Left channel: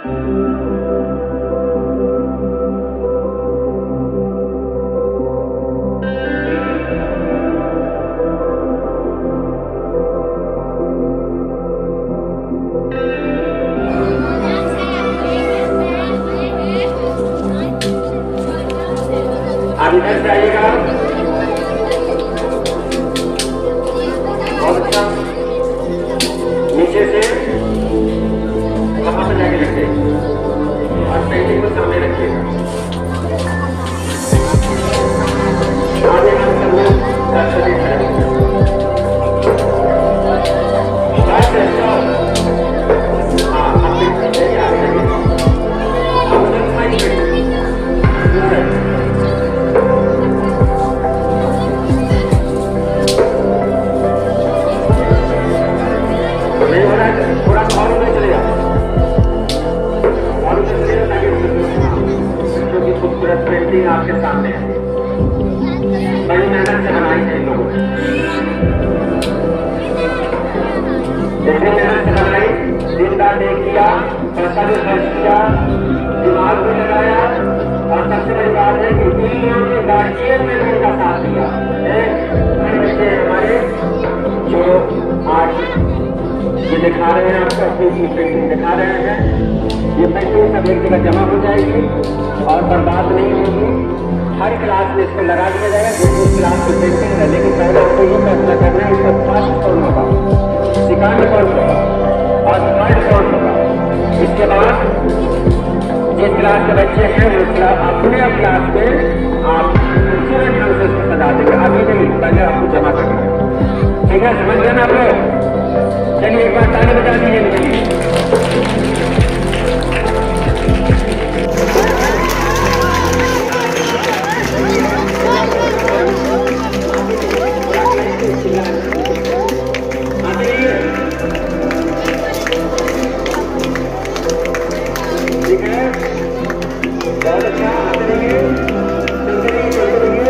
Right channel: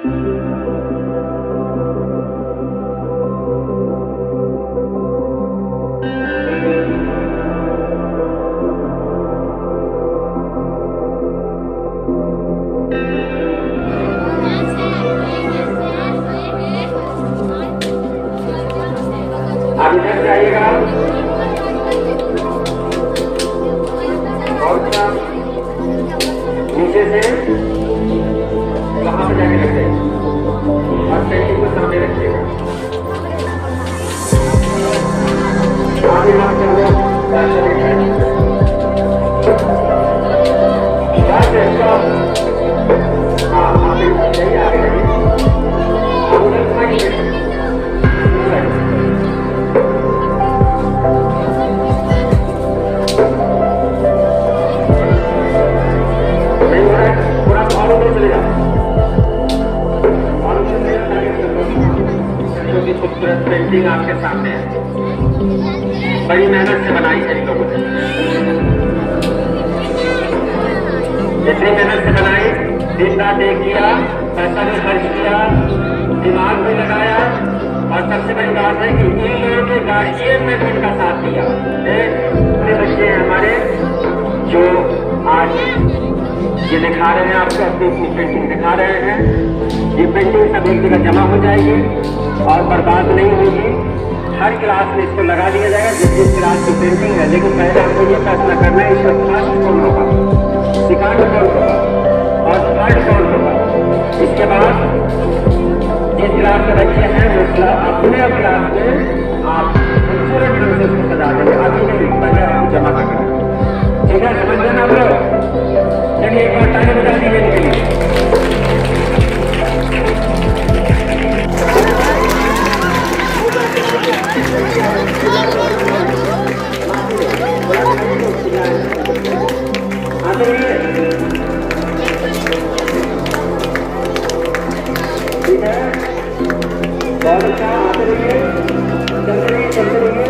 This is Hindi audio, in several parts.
आप इधर जाइएगा और नीचे से वहां पर जाके रखे और पेंटिंग को सामने रखिएगा। खूबसूरत पेंटिंग आपके सामने है, बड़ी मेहनत से बनाई है इन लोगों ने। इतनी मेहनत से बनाई, दिन रात एक किया, पैसा भी खर्च किया, दिमाग भी लगाया, और सबसे बड़ी बात है कि इन लोगों के गार्जियन ने भी इनका साथ दिया। इतने बच्चे हैं हमारे जो आज ये दिखा रहे हैं आपको, अपनी अपनी पेंटिंग दिखा रहे हैं। ये पेंटिंग सब एक जगह जमा हो जाएगी और बर्बाद नहीं होगी। हर क्लास में इसको लगा दिया जाएगा जिस जिस क्लास की पेंटिंग है। लेकिन पहले आपको ये फैसला करना है इसका फर्स्ट कौन होगा, सेकंड कौन होगा और थर्ड कौन होगा। इसके बाद जिस क्लास के बच्चे हैं वो अपने क्लास में आप खूबसूरत ढंग से उसको सजा देंगे। अभी नहीं, पहले आपको जमा करना है। ठीक है, समझ गए ना आप लोग? चलिए एक बार ताली बजा दीजिए इनके लिए। ठीक है, बहुत अच्छा। चलते रहिए, चलते रहिए, चलते रहिए,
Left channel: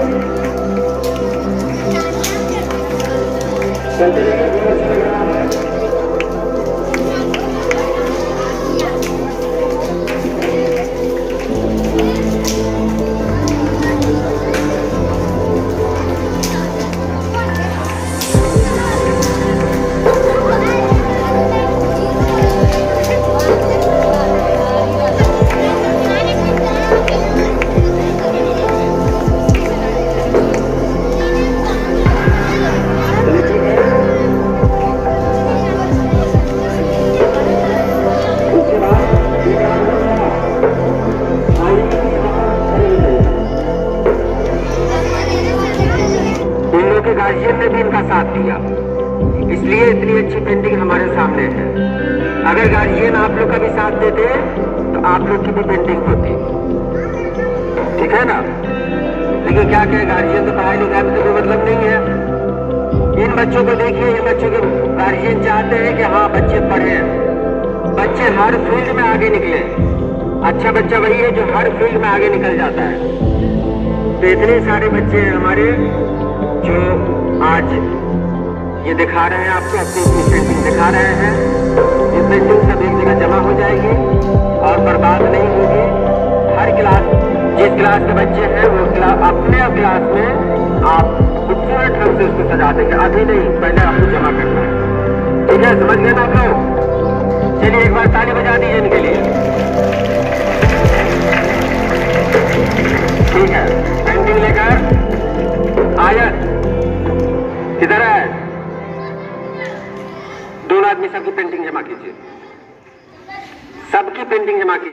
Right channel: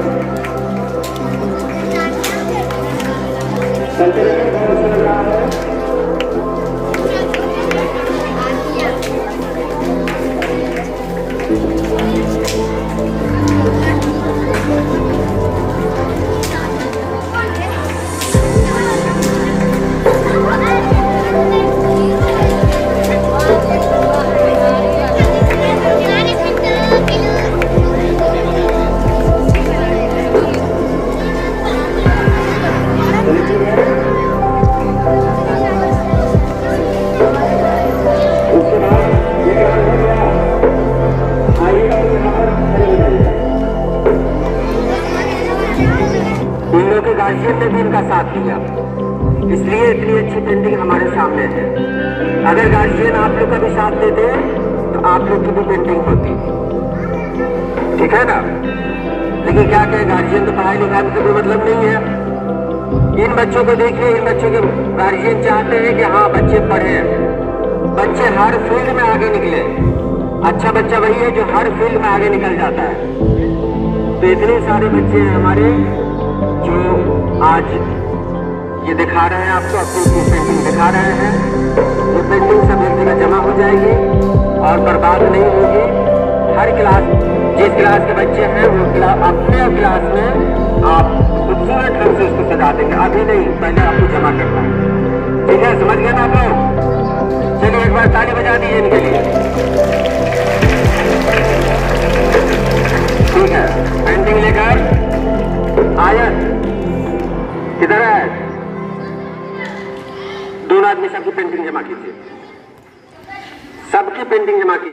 चलते रहिए। बहुत अच्छा लग रहा है। गार्जियन ने भी इनका साथ दिया, इसलिए इतनी अच्छी पेंटिंग हमारे सामने है। अगर गार्जियन आप लोग का भी साथ देते तो आप लोग की भी पेंटिंग होती। ठीक है ना? लेकिन क्या कहे, गार्जियन तो पढ़ाई लिखाई में तो कोई मतलब नहीं है। इन बच्चों को देखिए, इन बच्चों के गार्जियन चाहते हैं कि हाँ बच्चे पढ़े, बच्चे हर फील्ड में आगे निकले। अच्छा बच्चा वही है जो हर फील्ड में आगे निकल जाता है। तो इतने सारे बच्चे हैं हमारे जो आज ये दिखा रहे हैं आपको, अपनी पेंटिंग दिखा रहे हैं। ये पेंटिंग सब एक जगह जमा हो जाएगी और बर्बाद नहीं होगी। हर क्लास, जिस क्लास के बच्चे हैं वो अपने क्लास में आप खूबसूरत ढंग से उसको सजा देंगे। अभी नहीं, पहले आपको जमा करना है। ठीक है, समझ गए ना आप लोग? चलिए एक बार ताली बजा दीजिए इनके लिए। ठीक है, पेंटिंग लेकर आया, इधर है। दोनों आदमी सबकी पेंटिंग जमा कीजिए, सबकी पेंटिंग जमा कीजिए।